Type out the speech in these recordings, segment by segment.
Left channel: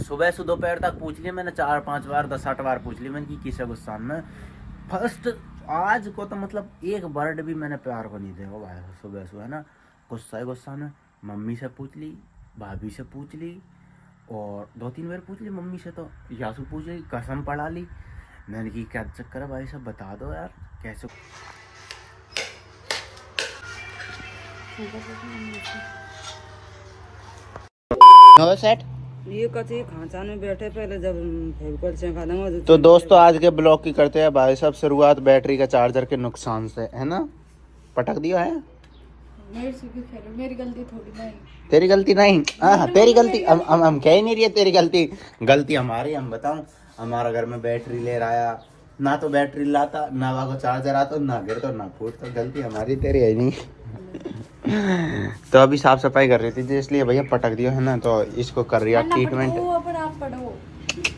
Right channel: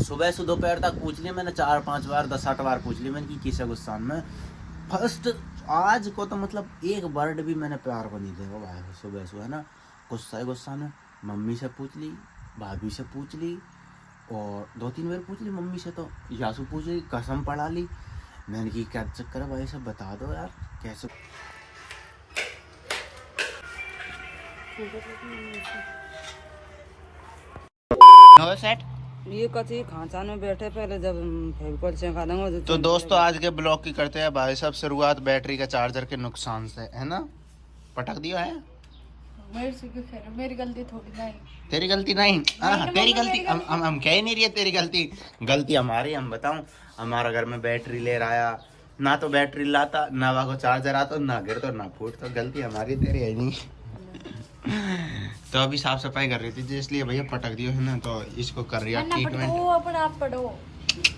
सुबह से दोपहर तक पूछ लिया मैंने 4-5 बार 10-8 बार पूछ लिया मैंने कि किसे गुस्सा में फर्स्ट आज को तो मतलब एक वर्ड भी मैंने प्यार को नहीं देखा भाई। सुबह सुबह है ना गुस्सा में मम्मी से पूछ ली, भाभी से पूछ ली और 2-3 बार पूछ ली मम्मी से, तो यासू पूछ ली, कसम पढ़ा ली मैंने कि क्या चक्कर है भाई सब बता दो यार कैसे। सेट ये कथी खांचा में बैठे पहले जब फेविकोल से खा देंगे। तो दोस्तों आज के ब्लॉग की करते हैं भाई साहब शुरुआत बैटरी का चार्जर के नुकसान से, है ना। पटक दिया है मेरी गलती थोड़ी नहीं, तेरी गलती नहीं। हाँ तेरी गलती हम कह ही नहीं रही तेरी गलती हमारी। हम बताऊं हमारा घर में बैटरी ले आया ना, तो बैटरी लाता ना वहाँ को चार्जर आता, ना गिर तो ना फूट, तो गलती हमारी तेरी है नहीं। तो अभी साफ सफाई कर रही थी इसलिए भैया पटक दिया है ना, तो इसको कर रही है ट्रीटमेंट।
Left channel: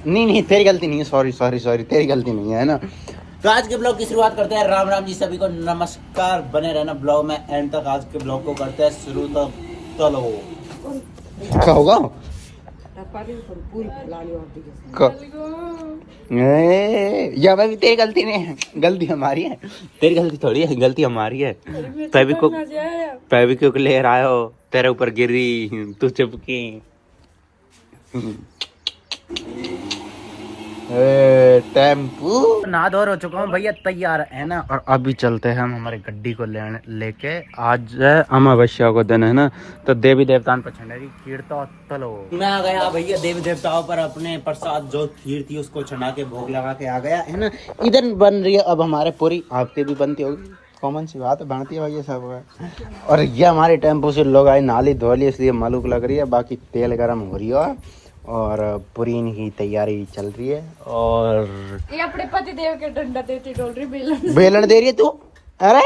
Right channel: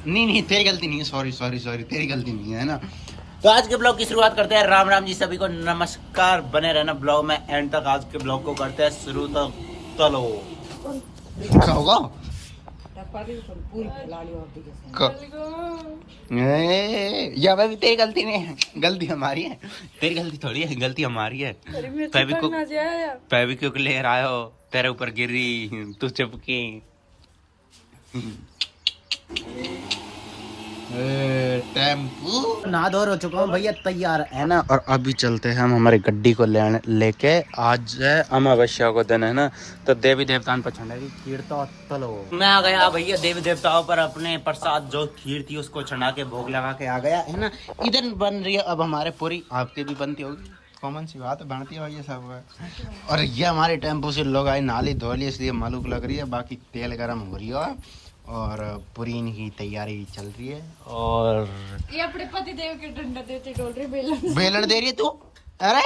नहीं तेरी गलती नहीं है, सॉरी तेरी गलती नहीं है ना। तो आज के ब्लॉग की शुरुआत करते हैं। राम राम जी सभी को नमस्कार, बने रहना ब्लॉग में एंड तक। आज के ब्लॉग को करते हैं शुरू, तो चलो क्या होगा या मैं भी तेरी गलती नहीं है, गलती हमारी है, तेरी गलती थोड़ी है, गलती हमारी है। फेविक्विक ले रहा हो तेरे ऊपर गिरी तू चिपकी। टेम्पू नहा धो हो चुका हूँ भैया, तैयार है ना। और अभी चलते हैं हम हमारी गड्डी को लेके। आज अमावस्या को दिन है ना, तो देवी देवतान पर छंडेगी खीर, तो चलो मैं आ गया भैया देवी देवताओं पर अपने प्रसाद जो खीर थी उसको चढ़ा के भोग लगा के आ गया है ना। इधर बन रही है अब हमारे पूरी, आपके भी बनती होगी, कॉमन सी बात है, बनती है भैया सब। और ये हमारे टेम्पो से लोग आए नाली धो ली इसलिए मालूक लग रही है, बाकी तेल गर्म हो रही है और पूरी की तैयारी चल रही है। और ये अपने पति देव के डंडा देती डोल रही, बेलन दे रही है तू। अरे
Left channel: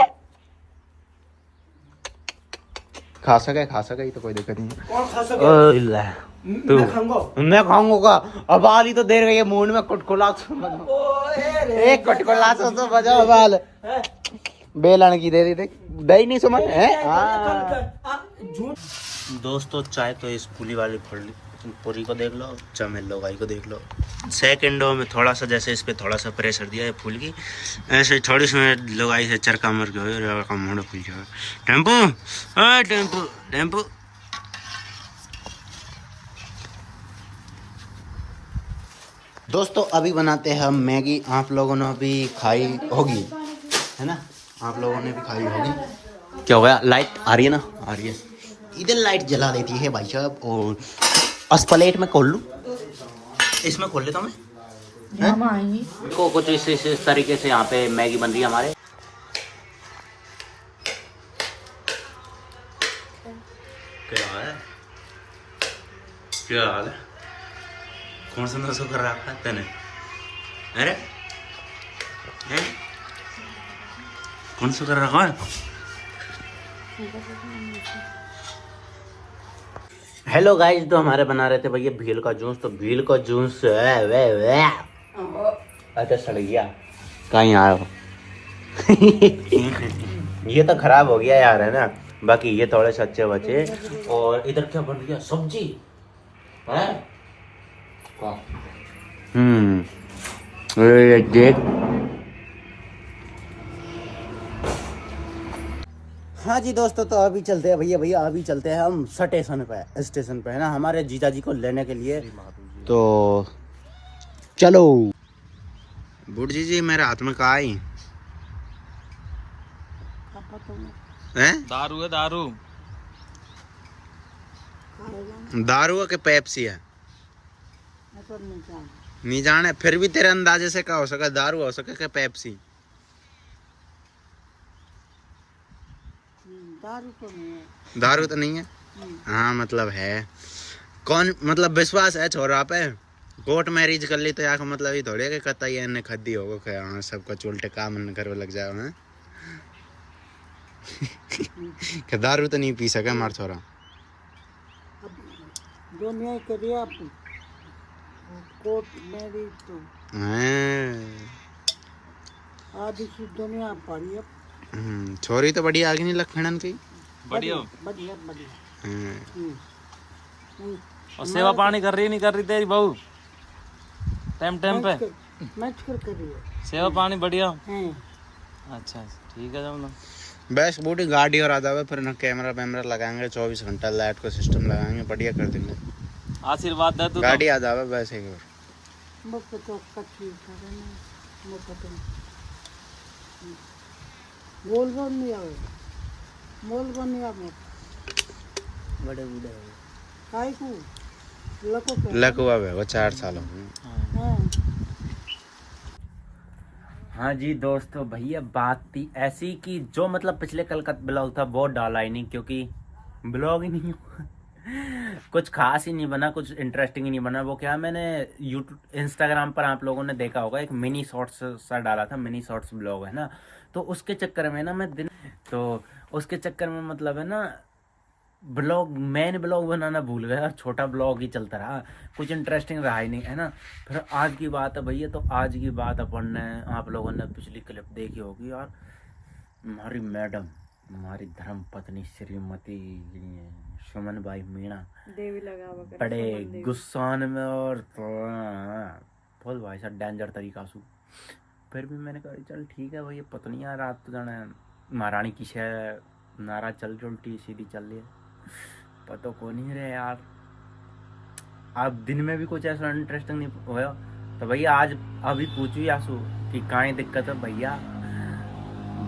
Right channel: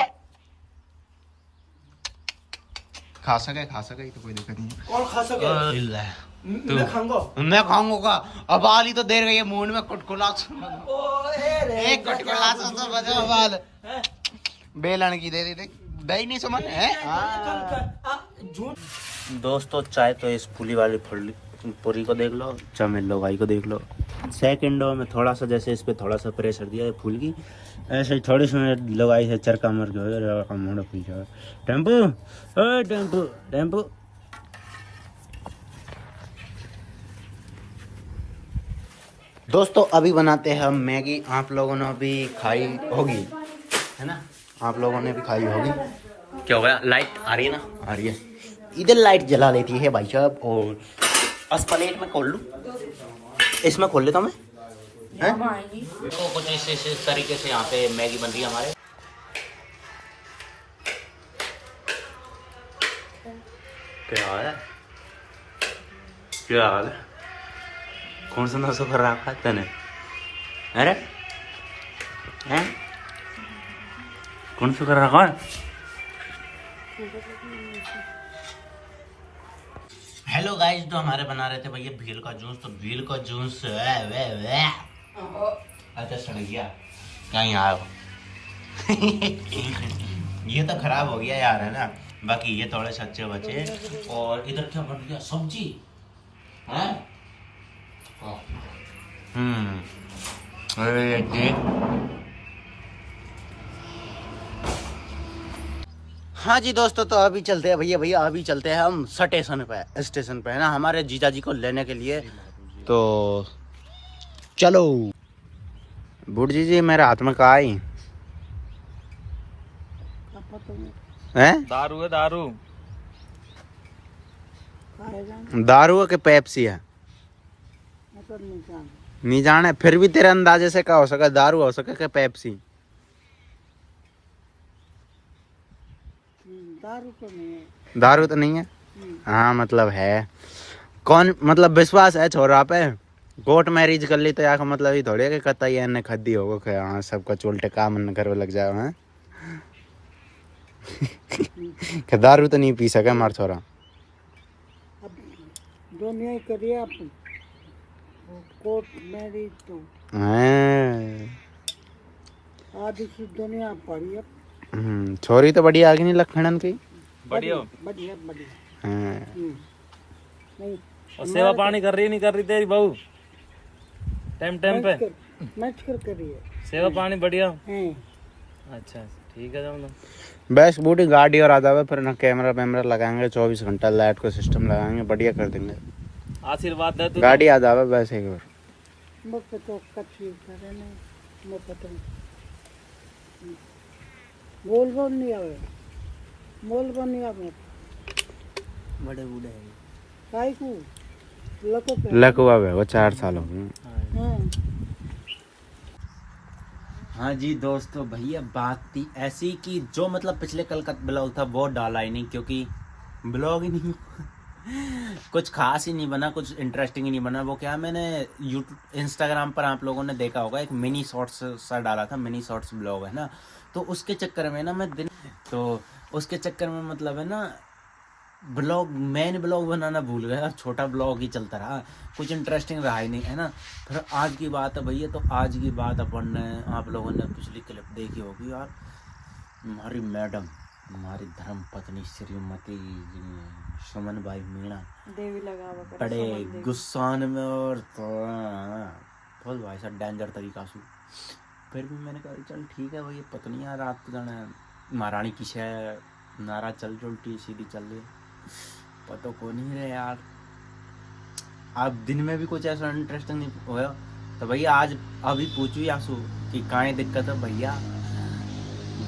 खा सके तो कोई दिक्कत नहीं। तू मैं खाऊंगा अब आली तो देर गई है मुंह में कुटकुला एक कुटकुला तो बजाओ बाल बेलन की दे दी दही नहीं समझ है। दोस्तों चाय तो इस पुली वाली पूरी को देख लो, चमेल लोगाई को देख लो, सेकंडों में थोड़ा सा जैसे इस पे थोड़ा सा प्रेशर दिया है फूल की, ऐसे थोड़ी सी लोगाई से चरका मर गया मुंडा फूल जाए। टेम्पू दोस्तों अभी बनाते हैं हम मैगी। आप लोगों ने अभी खाई होगी है ना, आप लोगों ने भी खाई होगी। क्या हो गया, लाइट आ रही है ना, आ रही है, इधर लाइट जला लेती है भाई साहब। और उस प्लेट में खोल लूं, इसमें खोल लेता मैं को कुछ इस तरीके से यहाँ पे मैगी बन रही है हमारे। क्या हाल है कौन सा नशा कर रखा है तने, अरे हैं कौन सा कर रखा है। हेलो गाइस, तो हमारे बना रहे थे भैया भील का जूस, तो भील का जूस अच्छा सड़ गया कहीं आया ये तो खराब हो गया यार है ना, बाकी ये थोड़े से अच्छे बचे। और इधर क्या बन गया, सब्जी है देख। हाँ जी दोस्तों, तो अभी चलते हैं भैया अभी चलते हैं हम स्टेशन पे है ना, हमारे जीजा जी को लेने के लिए। तो चलो बुढ़ जी मेरे हाथ में कहा आई है, दारू है, दारू है कि पेप्सी है नहीं जाने, फिर भी तेरे अंदाजे से क्या हो सका, दारू हो सके कि पेप्सी। दारू तो नहीं है। हाँ मतलब है, कौन मतलब विश्वास है छोरा पे, कोर्ट मैरिज कर ली तो यार मतलब ये थोड़ी है कि कतई इन्हें खद्दी होगा कि हाँ सबका उल्टे काम कर लग जाए हैं। कि दारू तो नहीं पी सके हमारा छोरा। दुनिया करिए आप कोर्ट मैरिज तो आधी सी दुनिया पड़ी है। छोरी तो बढ़िया आगे नहीं लखनन की, बढ़िया बढ़िया बढ़िया। नहीं और सेवा पानी कर रही नहीं कर रही तेरी बहू टाइम टाइम पे मत कर करिए सेवा पानी बढ़िया हैं अच्छा ठीक है जाओ ना बस बूटी गाड़ी और आ जावे फिर ना कैमरा वैमरा लगाएंगे 24 घंटा लाइट का सिस्टम लगाएंगे बढ़िया कर देंगे आशीर्वाद दे तू गाड़ी आ जावे बस एक बार मुझको तो कच्ची था ना मैं पता बोल नहीं आवे बोल नहीं आवे बड़े बूढ़े काय को लको पे लगवा वे वो 4 साल हो गए हां हाँ जी दोस्तों भैया बात थी ऐसी कि जो मतलब पिछले कल का ब्लॉग था वो डाला ही नहीं क्योंकि ब्लॉग ही नहीं कुछ खास ही नहीं बना कुछ इंटरेस्टिंग ही नहीं बना वो क्या मैंने यूट्यूब इंस्टाग्राम पर आप लोगों ने देखा होगा एक मिनी शॉर्ट्स सा डाला था मिनी शॉर्ट्स ब्लॉग है ना तो उसके चक्कर में ना मैं उसके चक्कर में मतलब है ना ब्लॉग मेन ब्लॉग बनाना भूल गया और छोटा ब्लॉग ही चलता रहा कुछ इंटरेस्टिंग रहा ही नहीं है ना फिर आज की बात है भैया तो आज की बात अपन ने आप लोगों ने पिछली क्लिप देखी होगी यार हमारी मैडम हमारी धर्म पत्नी श्रीमती सुमन भाई मीणा देवी लगा बड़े गुस्सान में और तो बहुत भाई साहब डेंजर तरीका से फिर भी मैंने कहा चल ठीक है भाई पत्नी यार रात को जाना महारानी की शय नारा चल जो उल्टी सीधी चल रही पता को नहीं रहे यार आप दिन में भी कुछ ऐसा इंटरेस्टिंग नहीं होया तो भैया आज अभी पूछू आंसू कि काहे दिक्कत है भैया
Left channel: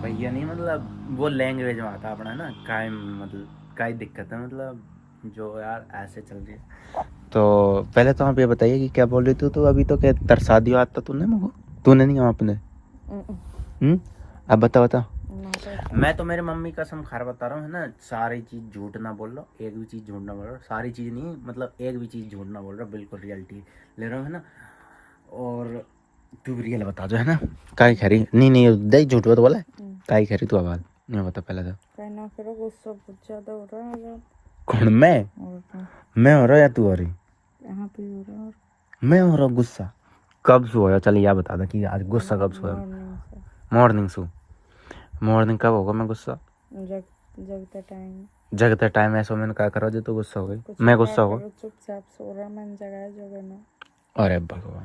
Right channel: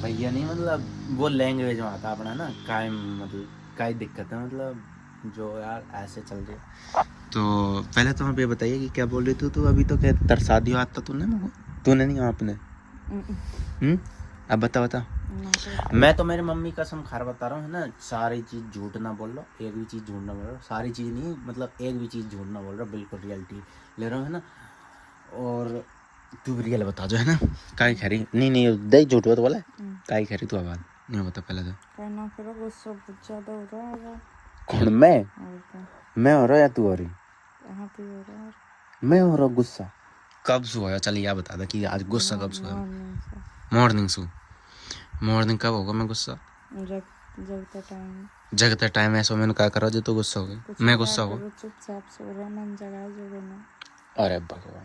भैया नहीं मतलब वो लैंग्वेज में आता अपना ना काहे मतलब काहे दिक्कत है मतलब जो यार ऐसे चल रही है तो पहले तो आप ये बताइए कि क्या बोल रही थी तो अभी तो क्या तरसा दिया आता तूने नहीं आपने अब बता मैं तो मेरे मम्मी कसम खार बता रहा हूँ है ना सारी चीज़ झूठ ना बोल रहा एक भी चीज़ झूठ ना बोल रहा सारी चीज़ नहीं मतलब एक भी चीज़ झूठ ना बोल रहा बिल्कुल रियलिटी ले रहा हूँ है ना और तू भी रियल बता जो है ना काहे खरी नहीं दे झूठ तो बोला काहे खरी तू आवाज नहीं बता पहले तो कहना करो गुस्सा बहुत ज्यादा हो रहा है यार कौन मैं हो रहा या तू हो रही कहाँ पे हो रहा है मैं हो रहा गुस्सा कब से होया चल या बता दे कि आज गुस्सा कब से होया मॉर्निंग कब होगा मैं गुस्सा जगते टाइम ऐसा मैंने क्या करा जो तो गुस्सा हो गई मैं गुस्सा हो चुपचाप सो रहा मन जगह जगह ना अरे भगवान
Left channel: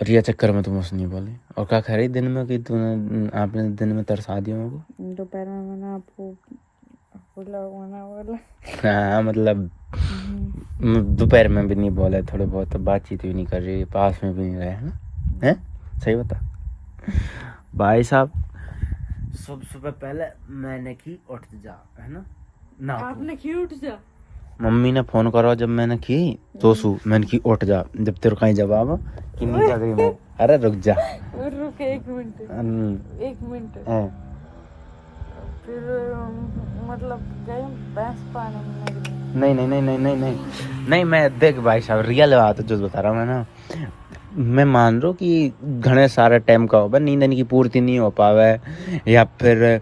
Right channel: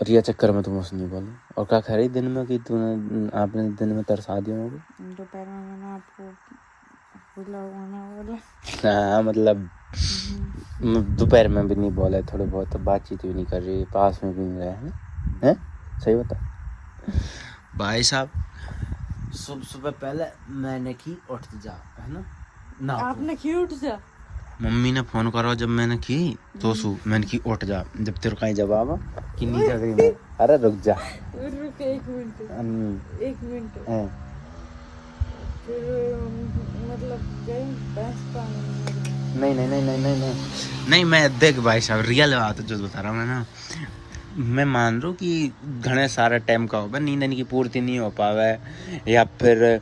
रिया चक्कर में तुम मुझसे नहीं बोली और क्या खा रही दिन में कि तूने आपने दिन में तरसा दिया होगा दोपहर में मैंने आपको बोला हाँ मतलब दोपहर में भी नहीं बोले थोड़े बहुत बातचीत भी नहीं कर रही पास में भी नहीं रहे हैं सही बता भाई साहब सुबह पहले मैंने की उठ जा है ना आपने की उठ जा मम्मी ने फोन करा जब मैंने की तो मैंने की उठ जा जब तेरे कहीं जवाब कि नहीं जा रही अरे रुक जा रुक एक मिनट फिर मतलब गए भैंस पानी में नहीं मैं देख भाई साहब रियल बात है जो बता रहा हूँ मैं ना मैं मान रहा हूँ कि घने सारे टाइम का होगा नींद की पूर्ति नहीं हो पावे या फिर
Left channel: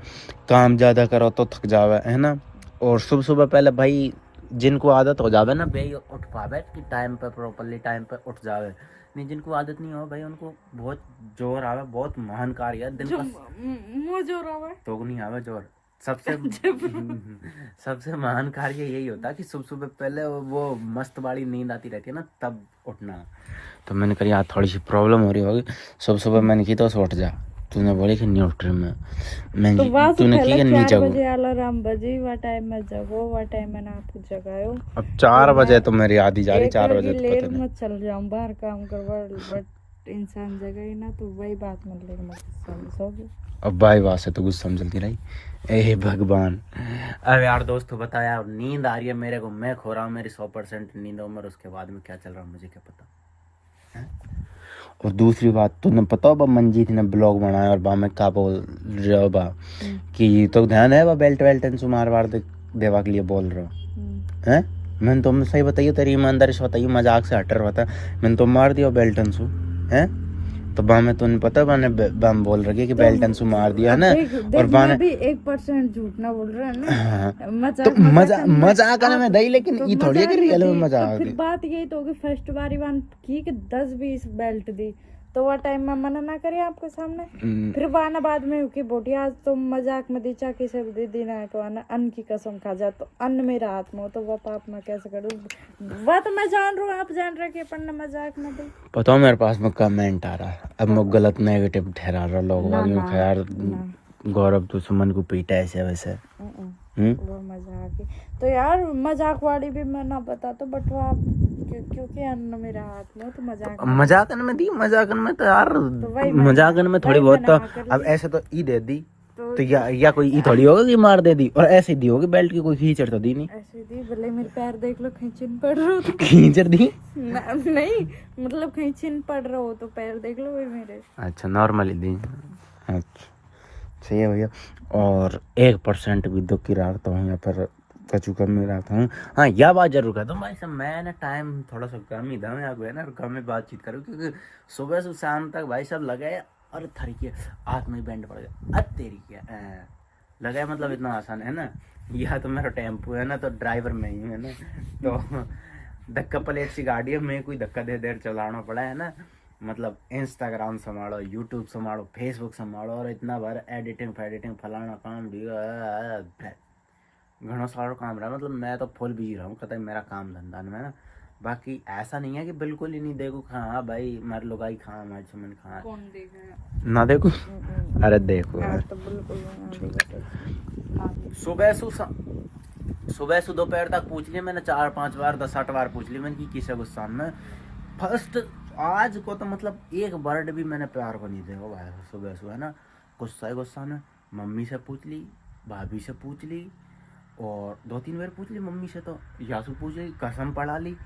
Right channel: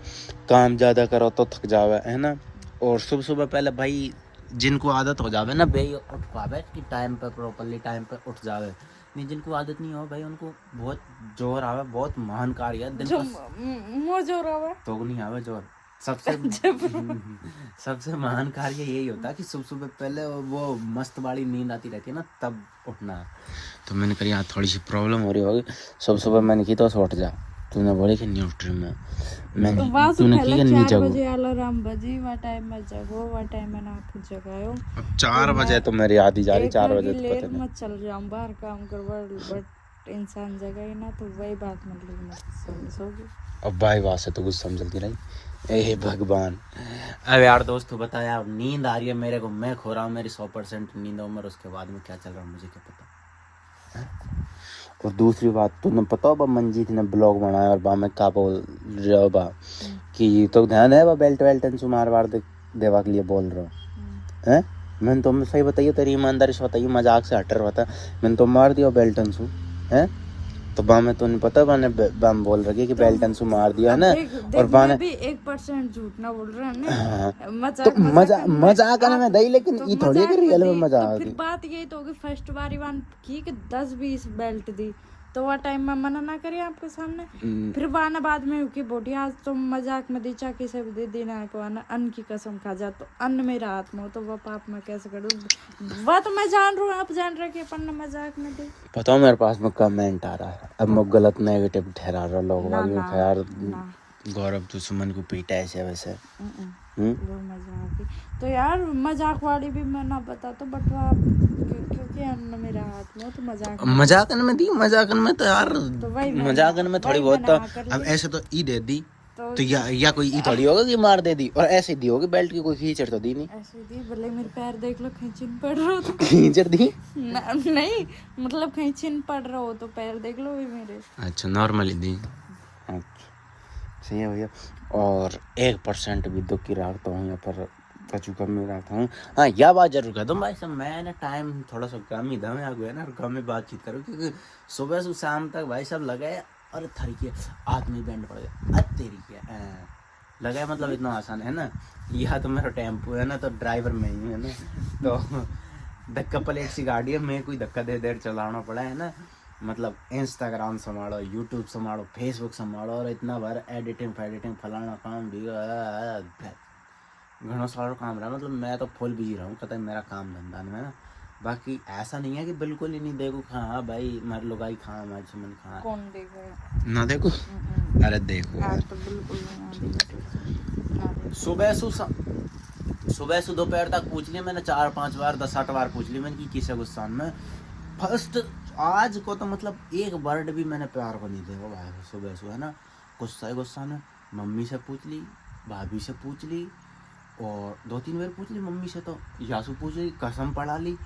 काम ज़्यादा करो तो थक जावे है ना और सुबह पहले भाई जिनको आदत हो जावे ना भाई उठ पावे कि टाइम पे प्रॉपरली टाइम पे उठ जावे नहीं जिनको आदत नहीं हो भाई उनको बहुत जोर आवे बहुत महान कार्य है दिन का जोर आवे तो नहीं आवे जोर सबसे महान कार्य यही होता है कि सुबह पहले वो मस्त वाली नींद आती रहती है ना तब उठना तो मैंने कहा यार थोड़ी सी प्रॉब्लम हो रही होगी सुबह मैंने की तो उठ जा तूने बोली कि नहीं उठ रही मैं तूने की नहीं जागो अलार्म बजी वो टाइम में जगो वो टाइम में आप जगायो अब 4 बजे तो मेरी आधी जा रही 4 बजे लेट मत चल जाऊं बाहर काम करवा बट इंसान जगह ही ना तो वही बात मतलब मत समझोगे अब भाई बात से तो कुछ समझती नहीं ए भगवान अब यार दोस्तों बताया नींद आ रही है मेरे को मैं खो रहा हूँ मेरी 100% नींद उम्र उसके बाद में क्या चल रहा है मुझे क्या पता है? और दूसरी बात तुमने पता हो मंजीत ने ब्लॉग बनाया और मैं क्या बोल रहा बा कि तो ध्यान है बेल्ट वेल्टन सुमार वार देवा के लिए बोल रहा है मैंने तुम सही बताइए तेरी ईमानदारी से बताइए मजाक से हट रहा था मैंने तो मार दिया बेल्टन सु है तो बामे तुम्हें पता बाने बाम बोल रही कि बेल्टन सु मार दिया ना और बाने भी 1% झूठ ना बोल रहा है ना मजाक करने में दही लेकिन ये थोड़ी कि रियल में मजाक तो फिर बात यही तो होगी फर्स्ट बारी वन की कि 10-20 बेल्ट दी तो वह टाइम में मना ना करे आपके सामने। फिर वाना बाद में कि बोटी आज तुम मजाक में दीचा किसे भी दे ना को आना अन्न की कसम खा जा तो अन्न मेरा हाथ में हो तो वह पाप में कैसे करूँ। वह तो मैं जान रहा हूँ, आप जान रहे कि अपन ने मजाक में दी। पता मेरे पास में कमेंट आ रहा है, अब मैं गलत नेगेटिव ठहरा रहा लोग यार गौरव तो सुमन को पीटा ऐसे वैसे। वो मजाक ही तो यार, मजाक वाली भी मैं ना बता तो बटवा क्योंकि अन्न मेरा हाथ में तो मजाकन में दी, मजाकन में तो यार वही मजाकन में थोड़ी बहुत तो अब ऐसे तो ई दे दी तो या कोई ई थोड़ी होगा कि मार दे दी, और ऐसी दी होगी बेल्ट की कोई खींचड़ तो दी नहीं। ऐसे दी भले मेरे पैर देख लो खींचन पड़ रहा हो तो खींचड़ दी नहीं मतलब खींचन पड़ रहा हो तो पैर देख लो वही मेरे। अच्छा नॉर्मली दी, अच्छा सही है भैया। और 1% भी दुख की रहा हूँ या फिर कचू कर नहीं रहा था। हाँ यह बात जरूर कह दूँ भाई साहब, मैंने टाइम थोड़ा सा कम ही था, मैं आगे ना कम में बातचीत करूँ क्योंकि सुबह से शाम तक भाई साहब लगे और थरी के हाथ में बैंड पड़ गया तेरी क्या लगा मतलब इतना आसान है ना। यह तो मेरा टेम्पो है ना तो ड्राइवर में ही है ना, तो धक्का प्लेट सी गाड़ी है, मैं कोई धक्का दे देर चलाना पड़ा है ना। मतलब इंस्टाग्राम संभालो, यूट्यूब संभालो, फेसबुक संभालो और इतना बार एडिटिंग फैडिटिंग फलाना काम भी घणो सारा काम रहा। मतलब मैं तो फुल बिजी रहा हूँ कतई मेरा काम धंधा में ना। बाकी ऐसा नहीं है कि बिल्कुल ही नहीं देखो हाँ भाई मार लुगाई खा हमारे सुमन खा कौन देगा ना देखो, अरे देखो आज तो बिल्कुल ना देगा। सुबह से दोपहर तक पूछ लिया मैंने 4-5 बार 10-8 बार पूछ ली मैंने कि किसे गुस्सा में। फर्स्ट आज को तो मतलब एक वर्ड भी मैंने प्यार को नहीं देखा भाई सुबह से है ना। गुस्सा में मम्मी से पूछ ली, भाभी से पूछ ली और 2-3 बार पूछ ली मम्मी से, तो यासू पूछ ली, कसम पढ़ा ली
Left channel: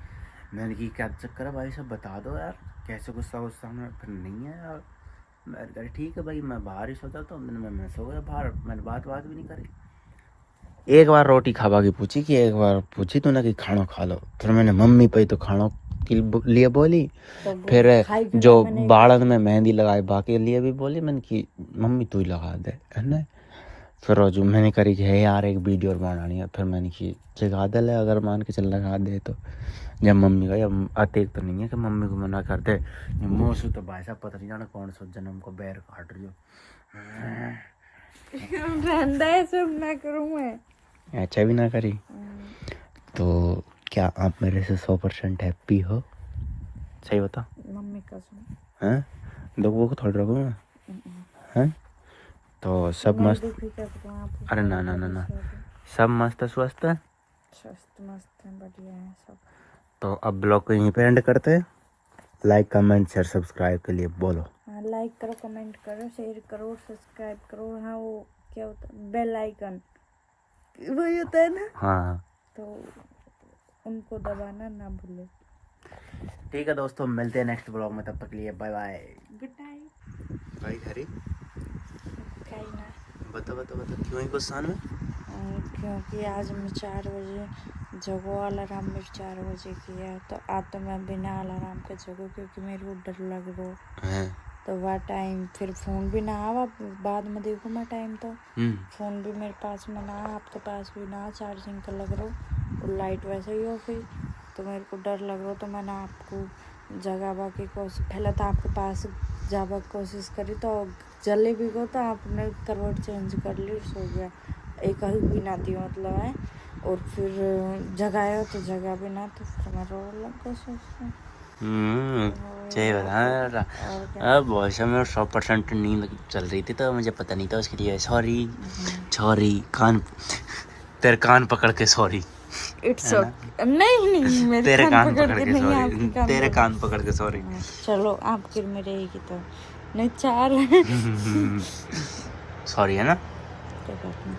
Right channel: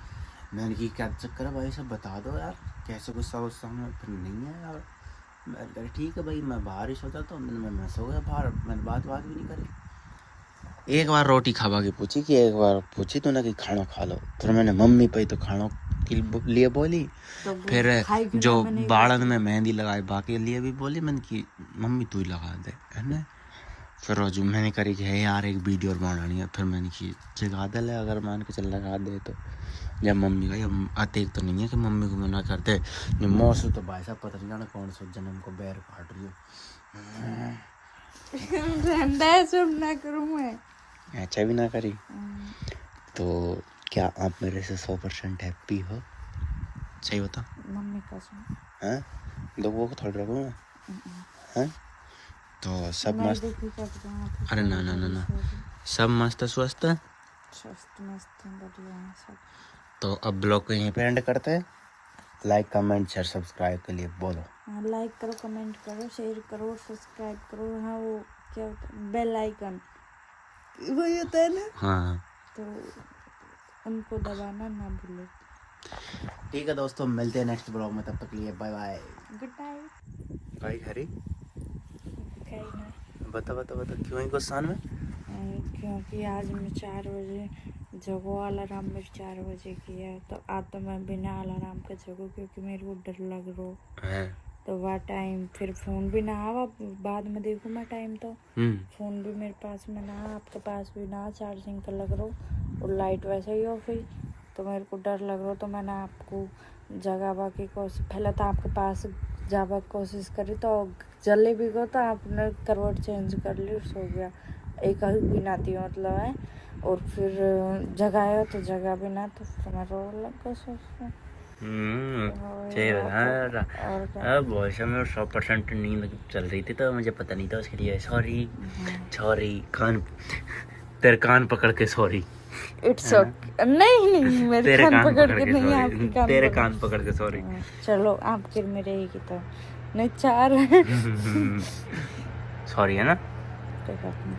मैंने कि क्या चक्कर है भाई सब बता दो यार कैसे गुस्सा में। फिर नहीं है यार मैं कह ठीक है भाई मैं बाहर ही सोचा तो मैं सो गया बाहर, मैंने बात भी नहीं करी। एक बार रोटी खावा की पूछी कि एक बार पूछी तो ना कि खाना खा लो, फिर मैंने मम्मी पे तो खाना के लिए बोली, तो फिर जो बाड़न में मेहंदी लगाए बाकी लिए भी बोली मैंने कि मम्मी तू ही लगा दे है ना। फिर जो मैंने करी कि है यार एक वीडियो बनानी है, फिर मैंने कि जगा दे ले अगर मान के चल लगा दे तो। जब मम्मी का जब अतेक तो नहीं है कि मम्मी को मना कर दे, मौसू तो भाई साहब पता नहीं जाना कौन सा जन्म को बैर काट रही हो। सब ना करूँ मैं अच्छा भी ना करी तो क्या आप मेरे से 100% हैप्पी हो? सही बता मम्मी कसम। हाँ देखो को थोड़ा रखो ना हाँ तो सब मस्त। अरे ना सब मस्त स्वस्थ है, मस्त बढ़िया है सब। तो अब ब्लॉग को यहीं पे एंड करते हैं। लाइक कमेंट शेयर सब्सक्राइब के लिए बोलो। हाँ लाइक करो, कमेंट करो, शेयर करो, सब्सक्राइब करो। हाँ वो क्या होता है बेल आइकन वही होता है ना। हाँ तो उनको दबाना ना भूलो। ठीक है दोस्तों मिलते हैं नेक्स्ट ब्लॉग में, तब तक के लिए बाय बाय। Good night. भाई हरी बता क्यों ही गुस्सा में? क्योंकि आज मैं 4 बजे जगो, अलार्म मेरे 4 बजे किया है तो आज तो मैं बिना अलार्म के जगो क्योंकि मेरे को डर लग रहा है। तो वह टाइम फिर फ़ोन भी ना आवा, बाद में देखो मैं टाइम तो फ़ोन भी मेरे पास में ना, आपके पास भी ना, चार्जिंग का लग रहा और लाइट वैसे ही ऑफ हुई तो मेरे को डर लग रहा तो मैंने आपको जगावा की कोशिश पहले तो आपके पास जावा की कोशिश करी तो जले भी गो तो आपने करवट चेंज कर ली, सो गया एक ही बिना थी मतलब है। और फिर जगाया तो जगह भी ना तो फिर मैं रो लगा सोचते बहुत समय 100% नींद चल रही थी तो मुझे पता नहीं था उसके लिए सॉरी तेरे कान पकड़ के सॉरी। इट्स ओके नहीं मेरे तेरे कान पकड़ के नहीं, आपके तेरे कान पकड़ के सॉरी। चलो आप फिर मेरे ही की तो नहीं 4 सॉरी है ना। कोई बात नहीं।